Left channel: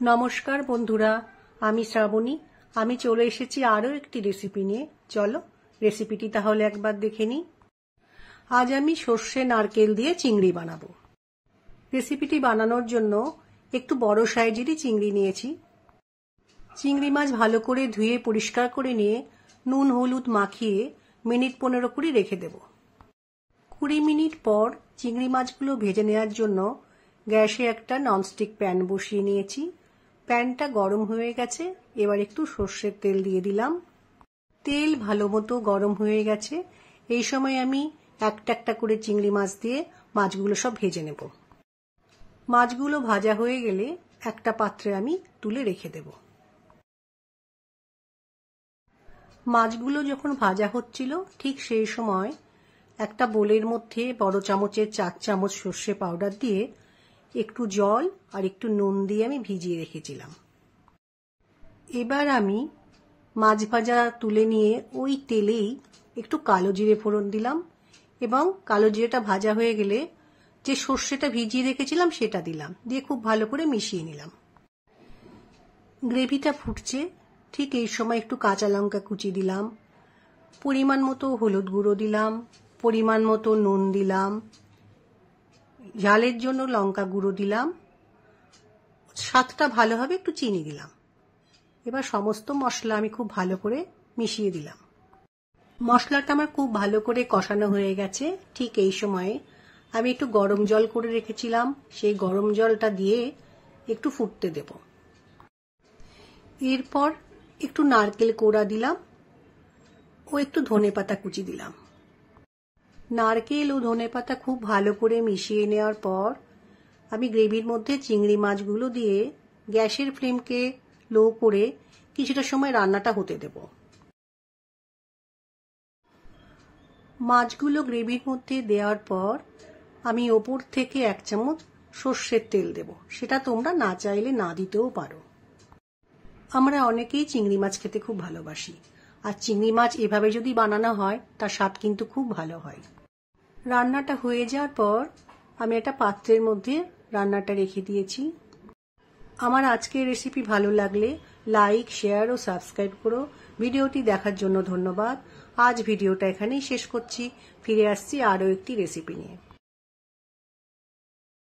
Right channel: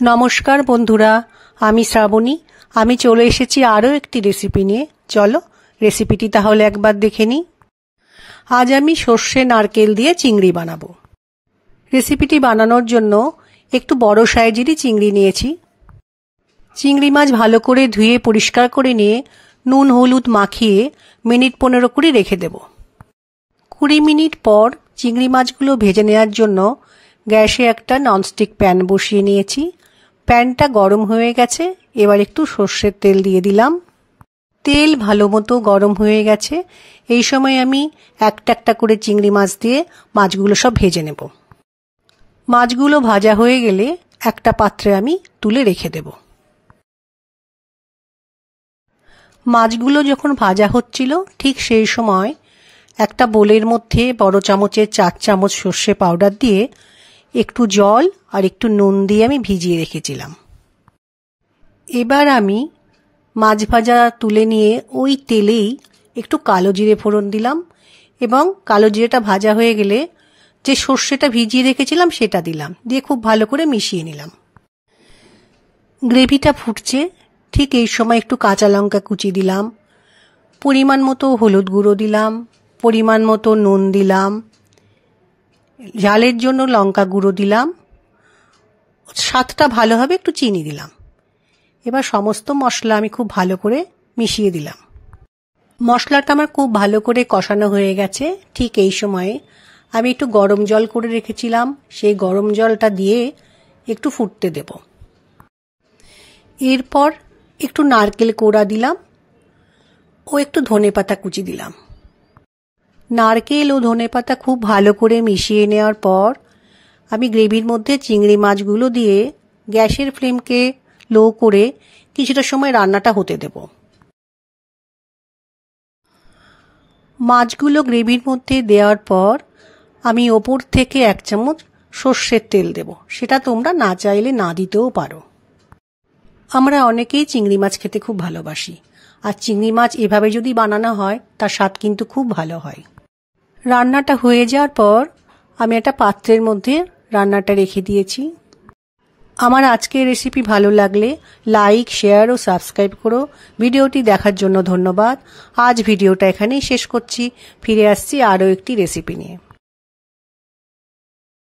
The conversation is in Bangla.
নমস্কার বন্ধুরা, আমি শ্রাবণী। আমি চলে এসেছি আরও একটি রেসিপি নিয়ে। চলো রেসিপিটি তাহলে একবার দেখে নিই। আজ আমি সর্ষে নারকেল দিয়ে চিংড়ি বানাবো। রেসিপিটি বানানোর জন্য একটু বড় সাইজেরই চিংড়ি নিয়েছি। চিংড়ি মাছ ভালো করে ধুয়ে পরিষ্কার করে নিয়ে নুন হলুদ মাখিয়ে মিনিট 15 করে রেখে দেব। 20 মিনিট পর চিংড়ি মাছগুলো ভেজে নেওয়ার জন্য গ্যাসে একটা ননস্টিক প্যান বসিয়ে নিয়েছি। প্যানটা গরম হয়ে গেছে। এবার একটু সর্ষের তেল দিয়ে দিলাম। তেল ভালো মতো গরম হয়ে গেছে। এই সময় আমি একটা একটা করে চিংড়ি মাছ দিয়ে মাছগুলো সব ভেজে নেব। মাছগুলো ভাজা হয়ে গেলে একটা পাত্রে আমি তুলে রেখে দেব। মাছগুলো যখন ভাজা হচ্ছিল ঠিক সেই সময় একটা বোলের মধ্যে বড় চামচের 4 চামচ সর্ষে পাউডার দিয়ে একটু জল আর একটু নুন দিয়ে আমি ভিজিয়ে রেখেছিলাম। এবার আমি মাছ ভাজা তুলে নিয়ে ওই তেলেই একটু কালো জিরে ফোড়ন দিলাম এবং কালো জিরেটা ভাজা হয়ে গেলে যে সর্ষেটা ভিজিয়ে রেখেছিলাম সেটা দিলাম, দিয়ে খুব ভালো করে মিশিয়ে নিলাম। গ্রেভিটা ফুটছে, ঠিক এই সময় একটু কাঁচা লঙ্কা কুচি দিলাম, পরিমাণ মতো হলুদ গুঁড়ো দিলাম, পরিমাণ মতো নুন দিলাম, ঝালের জন্য লঙ্কা গুঁড়ো দিলাম, স্বাদটা ভালো হবে একটু চিনি দিলাম। এবার সমস্ত মশলা আমি খুব ভালো করে মিশিয়ে দিলাম। মশলাটা আমার খুব ভালো করে কষানো হয়ে গেছে। ঠিক এই সময়ে আমি একটু গরম জল করে রেখেছিলাম, সেই গরম জলটা দিয়ে একটু ফুটতে দেব। এরপর একটু নারকেল কোড়া দিলাম ও একটু ধনেপাতা কুচি দিলাম। নারকেল ও ধনেপাতা খুব ভালো করে মিশিয়ে নেওয়ার পর আমি গ্রেভির মধ্যে চিংড়ি মাছগুলো দিয়ে গ্যাসের ফ্লেমকে লো করে কিছুটা সময় রান্নাটা হতে দেব। মাছগুলো গ্রেভির মধ্যে দেওয়ার পর আমি ওপর থেকে 1 চামচ সর্ষের তেল দেব। সেটা তোমরা না চাইলে না দিতেও পারো। আমরা অনেকেই চিংড়ি মাছ খেতে খুব ভালোবাসি, আর চিংড়ি মাছ এভাবে যদি বানানো হয় তার স্বাদ কিন্তু খুব ভালো হয়। রান্নাটা হয়ে যাওয়ার পর আমি একটা পাত্রের মধ্যে রান্নাটা রেখে দিয়েছি। আমার আজকের রেসিপি ভালো লাগলে লাইক, শেয়ার ও সাবস্ক্রাইব করো। ভিডিওটি দেখার জন্য ধন্যবাদ। আজ ভিডিওটা এখানেই শেষ করছি। ফিরে আসছি আরও একটি রেসিপি নিয়ে।